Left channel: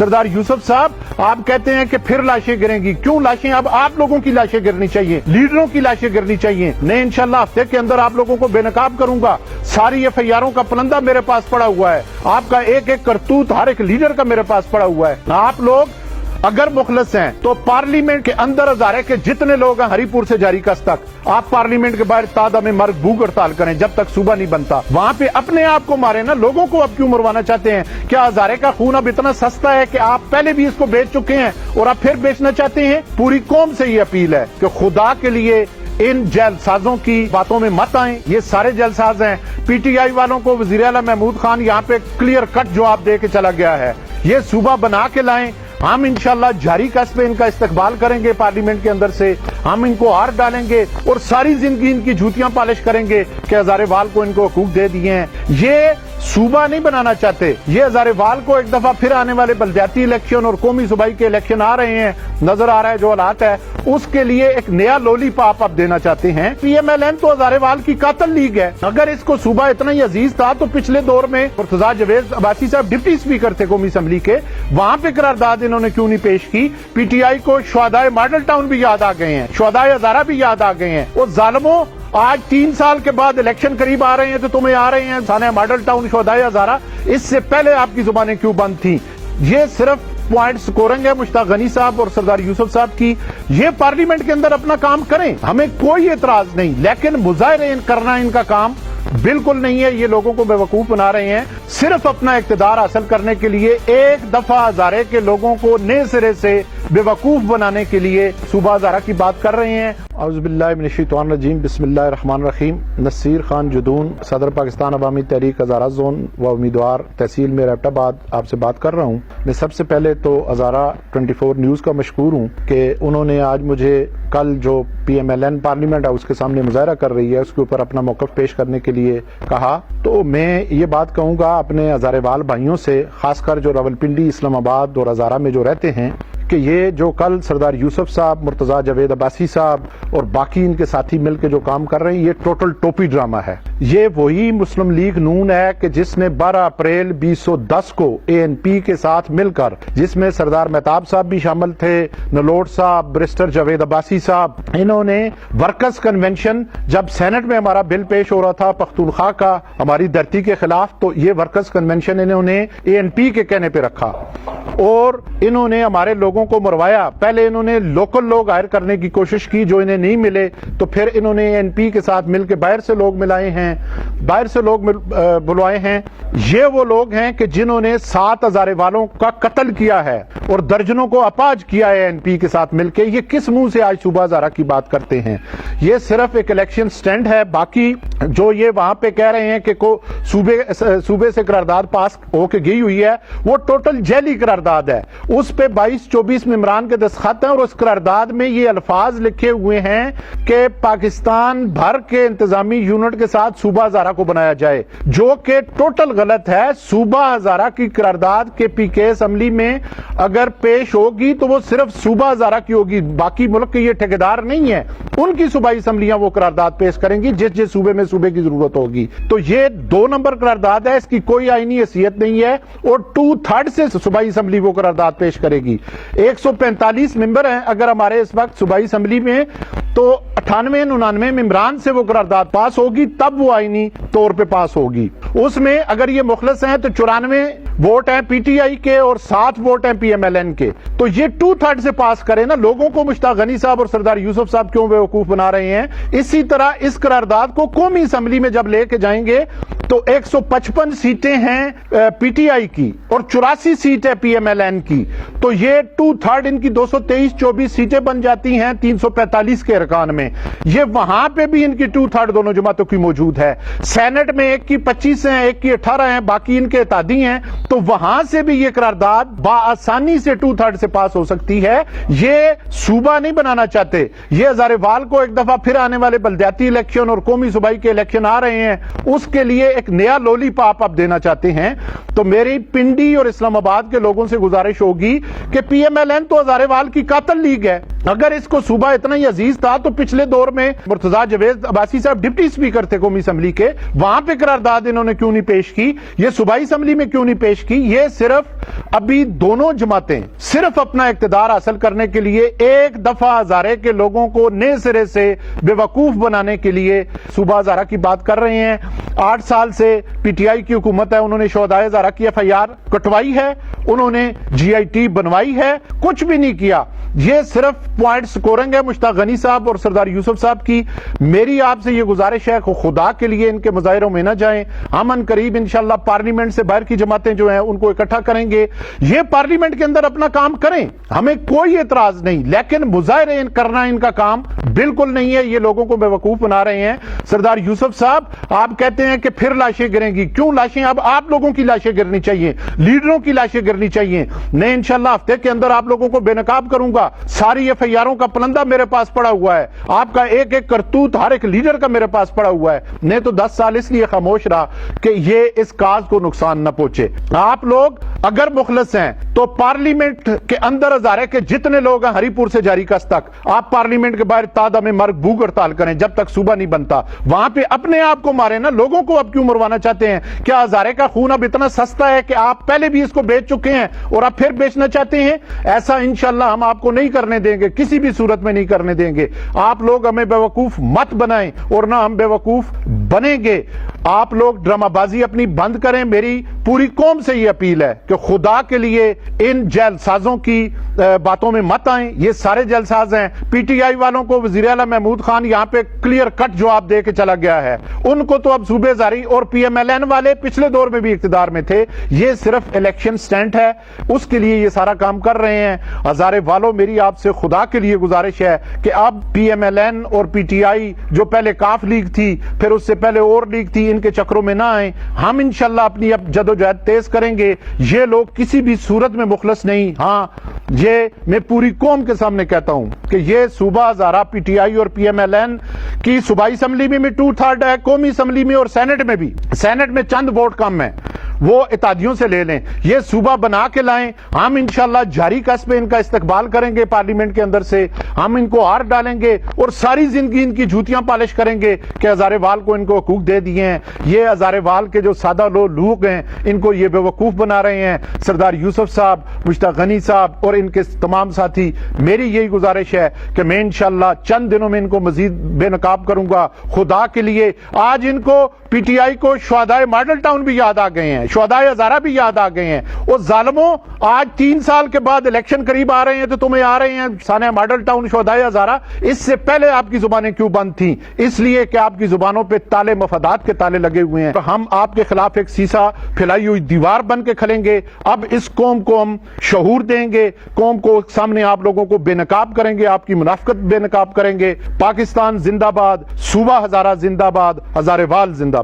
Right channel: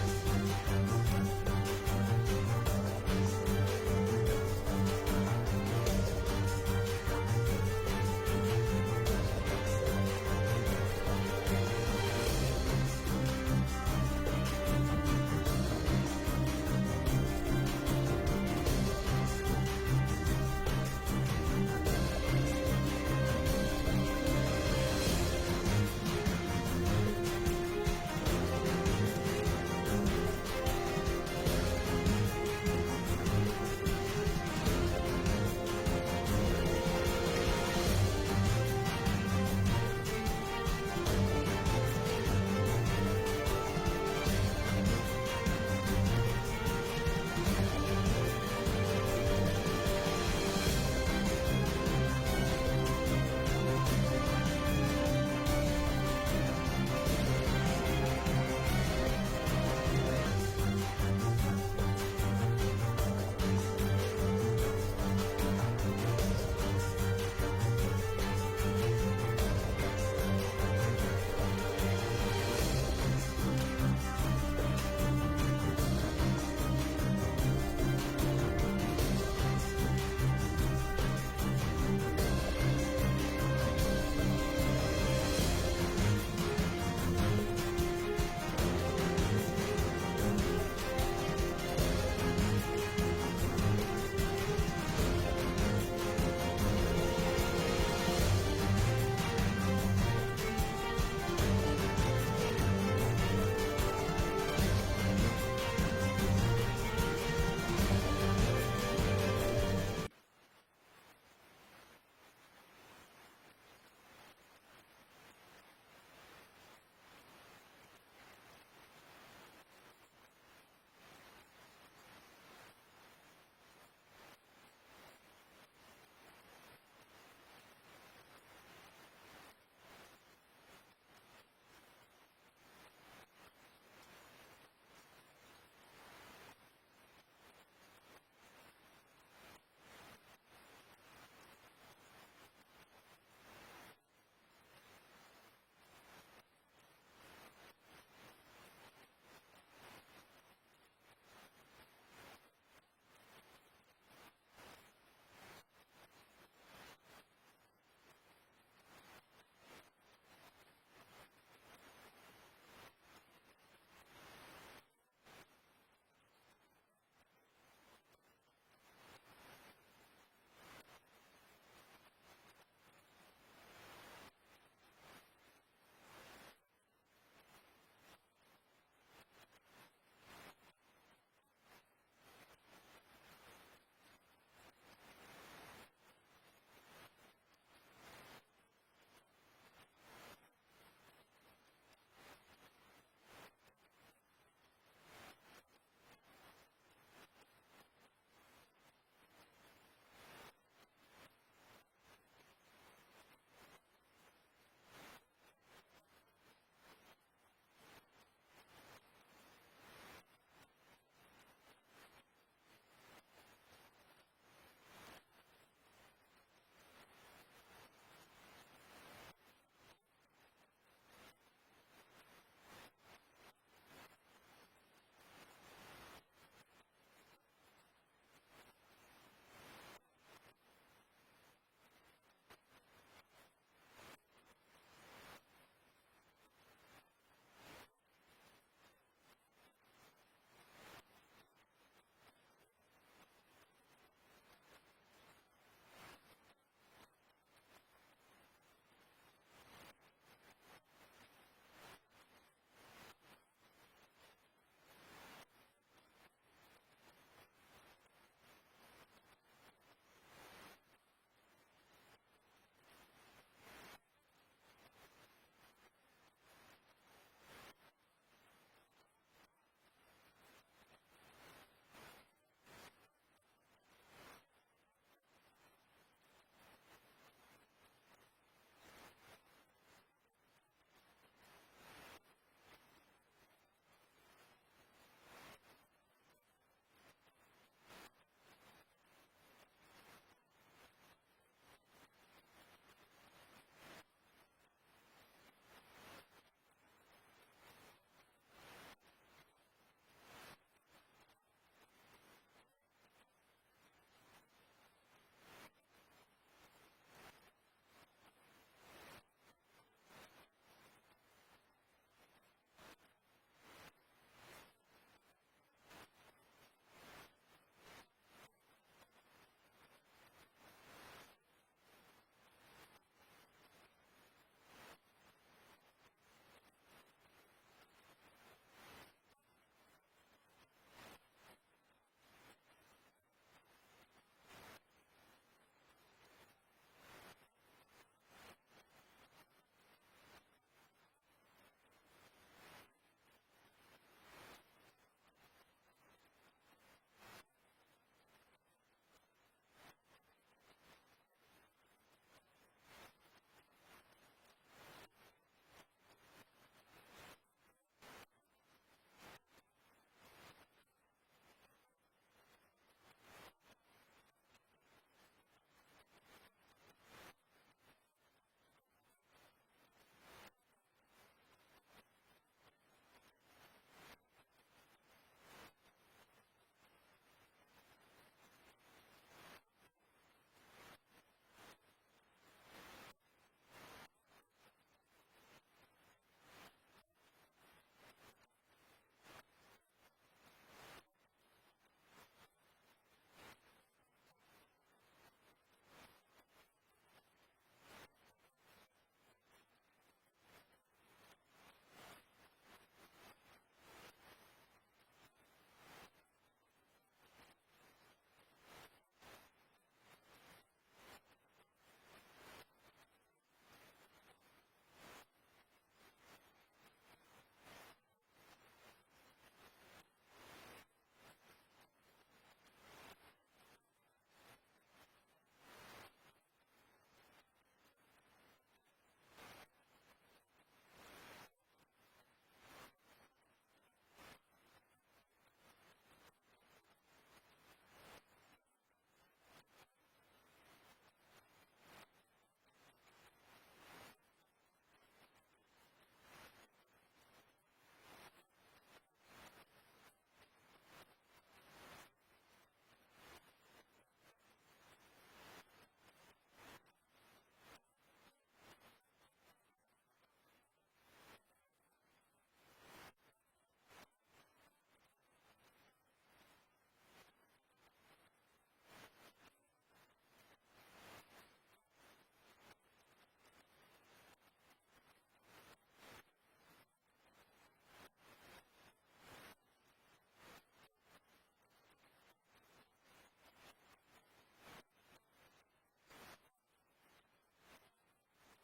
सरदार यूसुफ साहब आप कहते हैं कि फिर लाशें गिरेंगी, क्यों लाशें? अब आप लोगों की लाशें गिरनी चाहिए, लीडरों की लाशें गिरनी चाहिए। मैं इंशाल्लाह हफ्ते के अंदर आप लोगों को बेनकाब करूंगा। सारी एफआईआरों का पलंदा मेरे पास पड़ा हुआ है, आपका एक एक करतूत हर एक लीडर का मेरे पास पड़ा हुआ है। आप लोग अगर मुखलस हैं तो पार्लियामेंट के अंदर हजारे के जितने लोग हैं हरीपुर से जारी कस तक, आप पार्लियामेंट के बाहर तादा में मर्ग भूख हड़ताल करें जब तक सूबा नहीं बनता। वहां पे अपने आप को मारे ना, लोगों को अब क्यों मरवाना चाहते हैं? क्या हजारे का खून अब इतना सस्ता है कि आप पहले भी इसको बेच चुके हैं और आप फिर बेचना चाहते हैं? पूरी कौम से ये अपील है कि खुदा के लिए इन जैलसाजों की बातों में मत आएं। ये सारे जैलसाज हैं। पीटीआई वालों को वजीर आला महमूद खान यहाँ पे क्लियर कट जवाब दे के चला गया है। ये सूबा बना के लाएं, हम इंशाल्लाह जारी कस पे इनका इस्तकबाल करेंगे। पार्लियामेंट के अंदर से हम इनको हार डालेंगे और सारी जिंदगी इनकी जूतियां पालिश करेंगे कि हजारेवाल को इनको हकूक दे दिए हैं। ये सूबा नहीं बनाना चाहते। ये हजारेवाल को एक दफा फिर आने वाले बलदियाती इलेक्शन और कौमी सूबाई के इलेक्शन आ रहे हैं, नजर आ रहा है जो हालात है, उसके लिए एक नया लोलीपॉप आप देना चाहते हैं। पीएमएलएन तो हजारेवाल की कातल लीग है। अगर इसको सूबा इतना ही अजीज था तो पिछले दौर में मुर्तजा जावेद अब्बासी साहब डिप्टी स्पीकर थे कौमी असम्बली के, वहां पे करारदाद इन्होंने क्यों नहीं पेश की? पीटीआई को शुहदाए मॉडल टाउन भी याद आ गए हैं, शुहदाए हजारा भी याद आ गए हैं। वो जालिमों, आज 3 साल के बाद इलेक्शन करीब आ रहे हैं तो तुम्हें आ रहे हैं थाने मॉडल टाउन शुहदाए हजारा। इससे पहले आपकी जुबानें क्यों बंद थी? ये सिर्फ पॉइंट स्कोरिंग है मुश्ताक गनी साहब और सरदार यूसुफ साहब की। ये पार्लियामेंट के अंदर अपना काम करें, हमें कोई एतराज नहीं, लेकिन मुजाहरे करना इनका काम बिल्कुल नहीं है। ये लोगों को बेवकूफ बना रहे हैं सिर्फ अपना इख्तिदार हासिल करने के लिए। एक दफा हजारे के लोगों को नए सिरे से बेवकूफ बनाने के लिए सूबा हजारा की बात कर रहे हैं। औज़ुबिल्लाहि मिनश्शैतानिर्रजीम, बिस्मिल्लाहिर्रहमानिर्रहीम। नसीर खान जुदून, सदर पाकिस्तान अवामी तहरीक हजारा जोन व उम्मीदवार तहसील में एबटाबाद आपसे बात कर रहा हूँ। मैं सबसे पहले तो हजारा 24 न्यूज़ का मशकूर हूँ कि उन्होंने आज मुझे कल जो पीएमएलएन पार्लियामेंट हाउस के सामने मुजाहरा कर रही है उसके ऊपर अपना मौक़िफ़ पेश करने के लिए कहा। तो मैं ये बात कहूँगा अपने हजारेवाल भाइयों से, खासकर जो रावलपिंडी, इस्लामाबाद और हजारा में जो रहते हैं, कि ये जो कल सरदार यूसुफ साहब, मुर्तजा जावेद अब्बासी साहब और बाकी इनके साथी मिलकर जो काम कर रहे हैं, ये टोटल टोपी ड्रामा है। ये वही मुस्लिम लीग नून है कि जिसने 12 अप्रैल 2010 को एएनपी के साथ मिलकर, जिसमें सरदार मेहताब साहब भी शामिल थे, नलोट साहब, बैरिस्टर जावेद अब्बासी साहब, इन्होंने वर्कर्स कन्वेंशन, जब सेनेट में हमारा बिल पेश हो रहा था पख्तूनख्वा का हमारी धरती के खिलाफ, तो ये वर्कर्स कन्वेंशन इन्होंने एएनपी के कहने पे रखा और इन्होंने हमारे लोगों को मरवाया। पहले इन्होंने लोकल लोग हायर करने की कोशिश की, जो इन्हें नहीं मिले, तो फिर इन्होंने एएनपी के साथ मिलकर बाहर से लोग मिलाए हैं, बाहर से लोग बुलवाए हैं। ये वो लोग हैं कि जिन्होंने 7 हजारेवालों का कत्ल किया है और दर्जनों को अपाज किया है एएनपी के साथ मिलकर। ये किस मुंह से आज सूबा हजारा की बात करते हैं? ये सिर्फ एक इलेक्शन स्टैंड है। बाकी जो ये वहां पे कह रहे हैं कि सूबे से करारदाद पास होके गई हुई है, वो टोटल जैली करारदाद है। उस पे 22-24 मेंबरान के दस्तखत हैं और उस करारदाद में ये अल्फाज लिखे हुए हैं कि पाकिस्तान भर के इंतजामी यूनिट के साथ सूबा हजारा को बनाया जाए, जो कि टोटल गलत है। सूबा हजारा की करारदाद के पीके असेंबली में अगर पेश होगी तो वो सिर्फ सूबा हजारा की होगी, बाकी मुल्क के ये ठेकेदार नहीं है। उनकी सूबाई असेंबलियां वो करारदाद पेश करेंगी जिस जिस सूबे में सूबे की जरूरत होगी। तो ये 2 नंबर करारदाद है, इसकी कोई आईनी हैसियत नहीं है और 2/3 से सूबाई असेंबली वो करारदाद पेश करेगी। 145 मेंबर हैं अगर हमारे इस वक्त सूबाई असेंबली में, तो 98-99 मेंबरान से वो करारदाद पास होगी, तब वो आईनी तौर पे पास होगी। उसमें अगर ये मुखलस हैं तो 94 वोट हैं पीटीआई के और 7 वोट हैं पीएमएलएन के। तो ये 2/3 से पास करें ना। लोगों को मुश्ताक गनी साहब और सरदार यूसुफ साहब क्यों बेवकूफ बना रहे हैं? इसी तरह इस करारदाद को कौमी असेंबली में जब लेके जाएंगे तो 155 सीटें हैं पीटीआई की और 84 सीट है पीएमएलएन की। तो ये 2/3 इनकी 223-24 सीटें बन जाती हैं 345 के अरकान में। ये वहां पे भी इनकी 2/3 दोनों जमातों की मौजूद है। सेनेट में एक की 25 हैं, एक की 18 हैं, बाकी इनके इत्तेहादी हैं। तो वहां से भी ये करारदाद बाआसानी से 2/3 से पास हो सकती है। ये सूबा नहीं बनाना चाहते। ये हजारेवाल को एक दफा फिर आने वाले बलदियाती इलेक्शन और कौमी सूबाई के इलेक्शन आ रहे हैं, उसके लिए एक नया लोलीपॉप आप देना चाहते हैं। तो मेरी पिंडी और इस्लामाबाद के लोगों से गुजारिश होगी कि पीएमएलएन तो हजारेवाल की कातल लीग है। अगर इसको सूबा इतना ही अजीज था तो पिछले दौर में मुर्तजा जवेद अब्बासी साहब डिप्टी स्पीकर थे कौमी असम्बली के, वहां पे करारदाद इन्होंने क्यों नहीं पेश की, ये सूबाई असम्बली में क्यों नहीं पेश की। ये सिर्फ अभी दोनों जमातें सिर्फ अपना इक्तदार हासिल करने के लिए एक दफा हजारे के लोगों को नए सिरे से बेवकूफ बनाने के लिए सूबा हजारा की बात कर रहे हैं। 8 साल से पीटीआई की हुकूमत है, उन्होंने शोहदाए हजारा की एफआईआर कटवाई है, उन्होंने जीआईटी बनवाई है, कुछ भी नहीं किया। ये सिर्फ पॉइंट स्कोरिंग है मुश्ताक गनी साहब और सरदार यूसुफ साहब की। मेरी आपसे ये गुजारिश है कि खुदा के लिए इनके मुजाहिरों में न जाएं। हम अन करीब इंशाल्लाह पार्लियामेंट से बाहर की जमातें जो हैं उनको इकट्ठा करेंगे, ये पार्लियामेंट के अंदर अपना काम करें, हमें कोई एतराज नहीं, लेकिन मुजाहिरे करना इनका काम बिल्कुल नहीं है। ये लोगों को बेवकूफ बना रहे हैं। सरदार यूसुफ साहब, आप कहते हैं कि फिर लाशें गिरेंगी, क्यों लाशें? अब आप लोगों की लाशें गिरनी चाहिए, लीडरों की लाशें गिरनी चाहिए। मैं इंशाल्लाह हफ्ते के अंदर आप लोगों को बेनकाब करूंगा। सारी एफआईआरों का पलंदा मेरे पास पड़ा हुआ है, आपका एक एक करतूत हर एक लीडर का मेरे पास पड़ा हुआ है। नहीं तो 10 साल इसलिए खामोश रहा कि ये इस काज को नुकसान न पहुंचे। आप लोग अगर मुखलस हैं तो पार्लियामेंट के अंदर हजारे के जितने लोग हैं हरीपुर से जारीकस तक, आप पार्लियामेंट के बाहर तादा में मर्ग भूख हड़ताल करें जब तक सूबा नहीं बनता। वहां पे अपने आप को मारे ना, लोगों को अब क्यों मरवाना चाहते हैं? क्या हजारे का खून अब इतना सस्ता है कि आप पहले भी इसको बेच चुके हैं और अब फिर बेचना चाहते हैं? ऐसा इंशाल्लाह हम आपको नहीं करने देंगे, किसी भी सूरत में नहीं करने देंगे। आप लोग हमें बेवकूफ मत बनाएं और ना हम बेवकूफ बनेंगे। आप लोग ड्रामाबाजी अपनी बंद करें। मेरी पूरी कौम से ये अपील है कि खुदा के लिए इन जेलसाजों की बातों में मत आएं। ये सारे जेलसाज हैं। पीटीआई वालों को वजीर आला महमूद खान यहां पे क्लियर कट जवाब दे के चला गया है। उनको तो अब सूबेदारी, और पीएमएलएन वाले पिछले दौर में भी इख्तिदार में थे, ये सिर्फ इलेक्शन स्टंट है, उसके लिए ये सारा काम कर रहे हैं। हजारे वालों, मेरी आपसे खुदा के लिए गुजारिश है कि अब पीएमएलएन और पीटीआई जो पहले काफ लीग थी, फिर उससे पहले और लीग थी, इनके चक्रों में ना आए। हम इंशाल्लाह अपनी अब जदोजहद तेज करेंगे। ये लोग किसी भी सूरत में मुखलस नहीं। हाँ, ये मैं पूरी कौम के सामने कहता हूं कि ये सूबा हजारा पीटीआई और पीएमएलएन की सूबाई असम्बली में भी 2/3 है, कौमी असम्बली में और सेनेट में भी। सेनेट में चंद वोट कम है, वो इत्तेहादियों से ले लें। ये सूबा बना के लाएं। हम इंशाल्लाह जारी कस पे इनका इस्तकबाल करेंगे पार्लियामेंट के अंदर से। हम इनको हार डालेंगे और सारी जिंदगी इनकी जूतियां पालिश करेंगे कि हजारेवाल को इनको हकूक दे दिए हैं। ये हजारेवाल के जो सादा लोग हैं, इनको ये बेवकूफ बना रहे हैं। सरदार यूसुफ साहब, मुश्ताक गनी साहब और इनके तमाम साथी, मेरी यही गुजारिश है कि मैं इंशाल्लाह चंद दिनों में इनको मजीद बेनकाब करूंगा। खुदा के लिए आज इनको पीटीआई को शुहदाए मॉडल टाउन भी याद आ गए हैं, शुहदाए हजारा भी याद आ गए हैं। और जालिमों, आज 3 साल के बाद इलेक्शन करीब आ रहे हैं तो तुम्हें आ रहे हैं साने मॉडल टाउन, शुहदाए हजारा। इससे पहले आपकी जुबानें क्यों बंद थी? इसलिए कि आपकी जुबानों पे ताले मफादात के ताले लगे हुए हैं। तो हम आपके खिलाफ एक सीसा फैलाई हुई दीवार बन के खड़ेंगे। अब इस कौम को हम शऊर देंगे, कौम को सामने आप लोगों को बेनकाब करेंगे, आपकी मुनाफिकत बेनकाब करेंगे। पाकिस्तान जिंदाबाद, सूबा हजारा जिंदाबाद, हजारेवाल जिंदाबाद।